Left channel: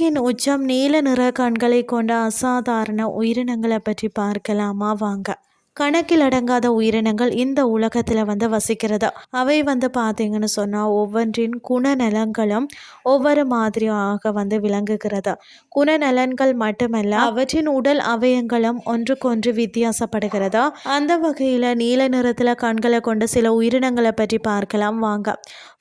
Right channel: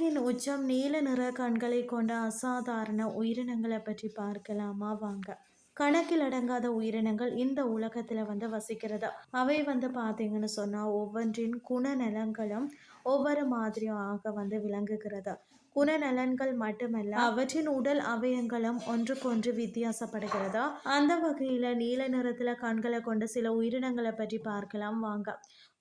மிச்சம் நீல நிற கண்களை கொண்ட அசாதாரண உயிரினங்களை பற்றி பார்க்கலாமா? வாங்க. கணக்கில் அடங்காத உயிரினங்கள் இந்த உலகத்தில் வந்து வசிக்கிறது. அவை வந்து பார்த்தீங்கன்னு சொன்னால் ஒவ்வொன்றின் குணநலங்களும் ஒவ்வொரு மாதிரியாக வந்து விளங்குகிறது. குணநலன்கள் மட்டுமல்ல அவற்றின் உடல் அவயங்களும் ஒன்றுக்கொன்று வித்தியாசப்படுகிறது. அந்த வகையில் நீல நிறத்தில் கண்களை கொண்ட சில உயிரினங்களை பற்றி பார்க்கலாம் வாங்க.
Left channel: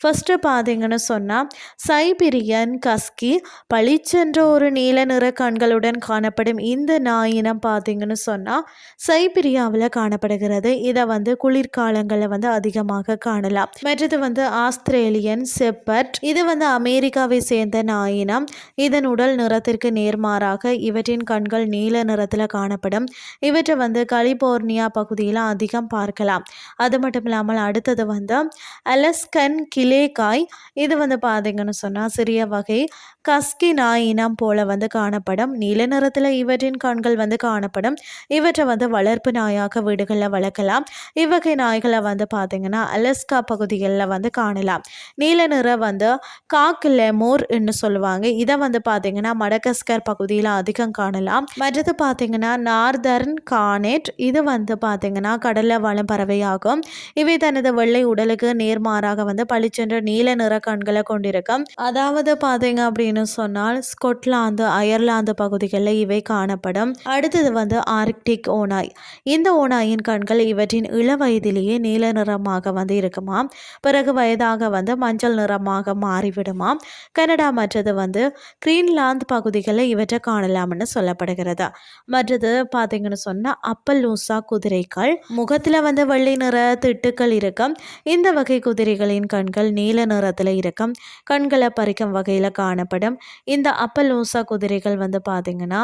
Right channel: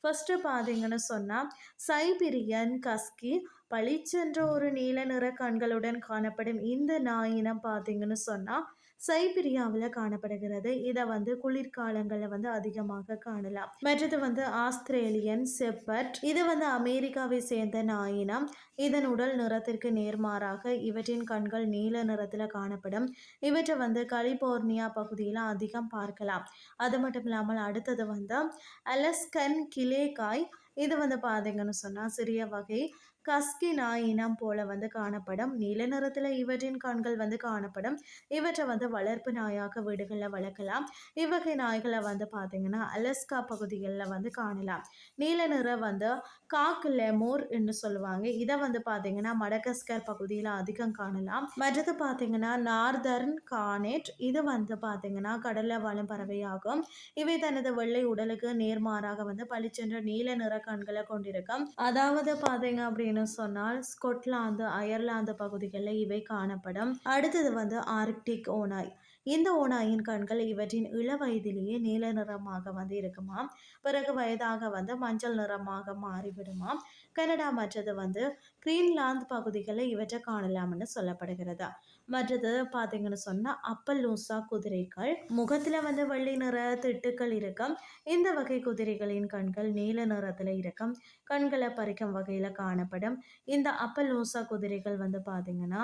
ஃபஸ்ட்டு பார்த்தீங்கன்னு சொன்னால் சைபிரியன் கஸ்கி பளிச்சென்ற ஒரு நீல நிற கண்களுடன் காணப்படும் இந்த நாயினம் பார்த்தீங்கன்னு சொன்னால் சைபிரியாவில் காணப்படுகிறது. இதை வந்து குளிர்காலங்களில் வந்து அதிகமாக காணலாம். மற்றது வந்து ஆஸ்திரேலியன் செப்பட் இது வந்து அமெரிக்காவை சேர்ந்த நாயினம். இதன் உடல் நிறத்திற்கு நேர்மாறாக இவற்றின் கண்கள் நீல நிறத்தில் காணப்படும். இவற்றை வந்து கலிபோர்னியா பகுதியில் அதிகம் பார்க்கலாம். அது மட்டும் இல்லாமல் அடுத்தது வந்து அலஸ்கன் கிளேகாய் இது வந்து பார்த்தீங்கன்னு சொன்னால் சிறிய வகை கஸ்கி நாய் இனம் போல வந்து காணப்படும். நீல நிறத்தில் இவற்றின் கண்கள் வந்து காணப்படும். இவற்றை வந்து வளர்ப்பு நாயாக வீடுகளில் வளர்க்கலாம். இவ்வகை நாய்களை வந்து பார்த்திங்கன்னா அலஸ்கா பகுதிகளில் வந்து காணலாம். நீல நிறம் வந்து காக்கில் லெமோர் என்று சொல்லுவாங்க. இதை வந்து பார்த்திங்கன்னா மடகஸ்கர் பகுதியில் அதிகம் காணலாம். மற்றது பார்த்திங்கன்னா நார்தர்ன் கானேட். இது வந்து பார்த்திங்கன்னா கடலில் வாழும் பறவையாகும். இவை தனது வெள்ளை உடலுக்கு நேர்மாறாக வந்து பளிச்சென்ற நீல நிற கண்களை கொண்டிருக்கும். அதாவது பார்த்தீங்க அப்படின்னு சொன்னால் ஸ்கொட்லாந்து அயர்லாந்து பகுதிகளில் இவை காணப்படும். அடுத்தது வந்து ஆர்க்டிக் ஓனாய் இந்த ஓனாயின் கண்கள் இவற்றின் இள வயதிலேயே நீல நிறமாக வந்து இருக்குமாம் பிறகு வயதாக வந்து மஞ்சள் நிறமாக மாறிவிடுமாம். கனடா மற்றது வந்து கிரீன்லாந்து பகுதிகளில் இவற்றை காணலாம்னு சொல்லப்படுகிறது. மற்றது பார்த்தீங்கன்னு சொன்னால் அப்பல்லூசா குதிரைகள். முகத்தில் வந்து வெள்ளை நிற திட்டுக்கள் இருக்கும். இந்த வகை குதிரைகளின் கண்கள் நீல நிறத்தில் இருக்கும். கண்களை பறிக்கும் வகையில் காணப்படும். இந்த அப்பலூசா குதிரைகள் வந்து பார்த்திங்கன்னா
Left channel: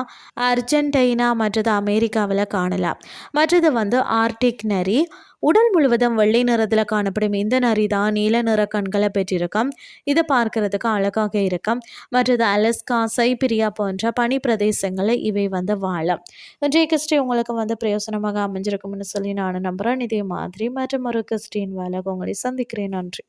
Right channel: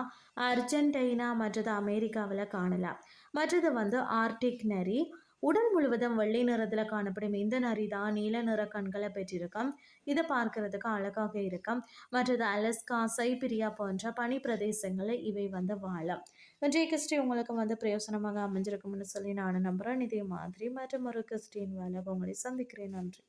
அர்ஜென்டைனா மற்றது அமெரிக்காவில் காணலாம். மற்றது வந்து ஆர்டிக் நரி உடல் முழுவதும் வெள்ளை நிறத்தில் காணப்படும் இந்த நரி தான் நீல நிற கண்களை பெற்றிருக்கும். இது பார்க்கறதுக்கு அழகாக இருக்கும். மற்றது அலஸ்கா சைபிரியா போன்ற பனி பிரதேசங்களில் இவை வந்து வாழும். இன்றைய கிறிஸ்டி உங்களுக்கு வந்து பிரயோசனமாக அமைஞ்சிருக்கும்னு சொல்லி நான் நம்புகிறேன் இதே மாதிரி மற்றும் ஒரு கிறிஸ்டின் வேலை உங்களை சந்திக்கிறேன். நன்றி.